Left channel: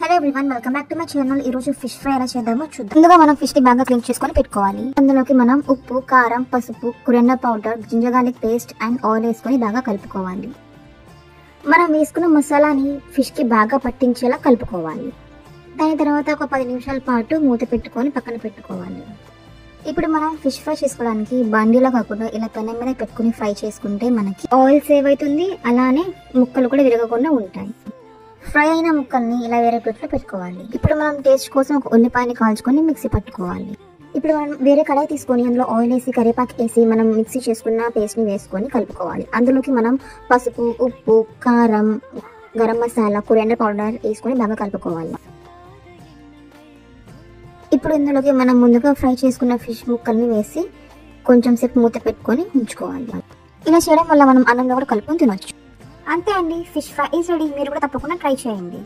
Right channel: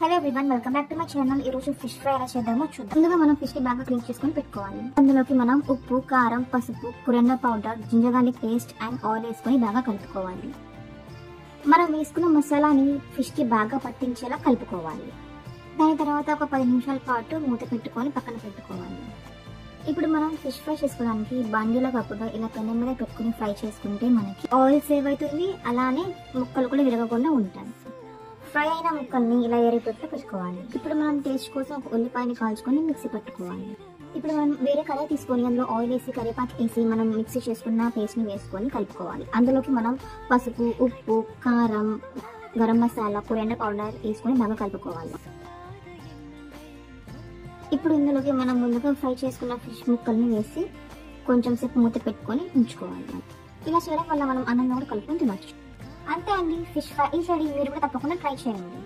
Hello everyone, welcome back to my channel. ఈ రోజు fish fry ఎలా చేద్దామో చూద్దాం. ముందుగా మనం ఫిష్ ని బాగా క్లీన్ చేసుకొని పెట్టుకోవాలి. అందులోకి మనం ఉప్పు, కారం, పసుపు, coriander powder, ginger garlic paste and oil వేసుకొని బాగా కలుపుకోవాలి. మనం వేసుకున్న మసాలాని ఫిష్ కి బాగా పట్టించేలా కలుపుకోవాలి. దాని తర్వాత ఒక 10 నిమిషాల పాటు మూత పెట్టుకొని పక్కన పెట్టుకోవాలి. ఇప్పుడు మనం ఫిష్ ఫ్రై చేసుకోవడానికి బండిలో కాకుండా ఇలా పెనం మీద పెట్టుకుని ఫ్రై చేసుకుంటే మనకి ఆయిల్ సేవ్ అవుతుంది, అలానే ముక్కలు కూడా విరగకుండా ఉంటాయి. ఫ్రై అయిన ముక్కల్ని ఇలా వేరే ప్లేట్లో పెట్టుకోవాలి. ఇప్పుడు మనం టేస్ట్ కోసం ఒక ఉల్లిపాయని కాల్చుకొని మిక్సీ పట్టుకోవాలి. ఇప్పుడు మనం వేరే కడాయి తీసుకొని అందులో ఆయిల్ వేసి కరివేపాకు వేసి మనం మిక్సీ చేసుకున్న పేస్ట్ని వేసుకొని కలుపుకోవాలి. అందులోకి మనం పసుపు, ఉప్పు, కారం, గరం మసాలా, కొరియాండర్ పౌడర్ వేసుకొని బాగా కలుపుకోవాలి. ఇప్పుడు ఇందులోకి మనం ముందుగా ఫ్రై చేసుకున్న ఫిష్ ముక్కల్ని వేసి కొంచెం సేపు మూత పెట్టుకొని ఉంచుకోవాలి. ఇలా చేయడం వల్ల మనం అన్నంలో కూడా కలుపుకొని తినొచ్చు. అంతే అండి, ఫిష్ ఫ్రై ఈజ్ రెడీ. మీరు కూడా తప్పకుండా ట్రై చేయండి.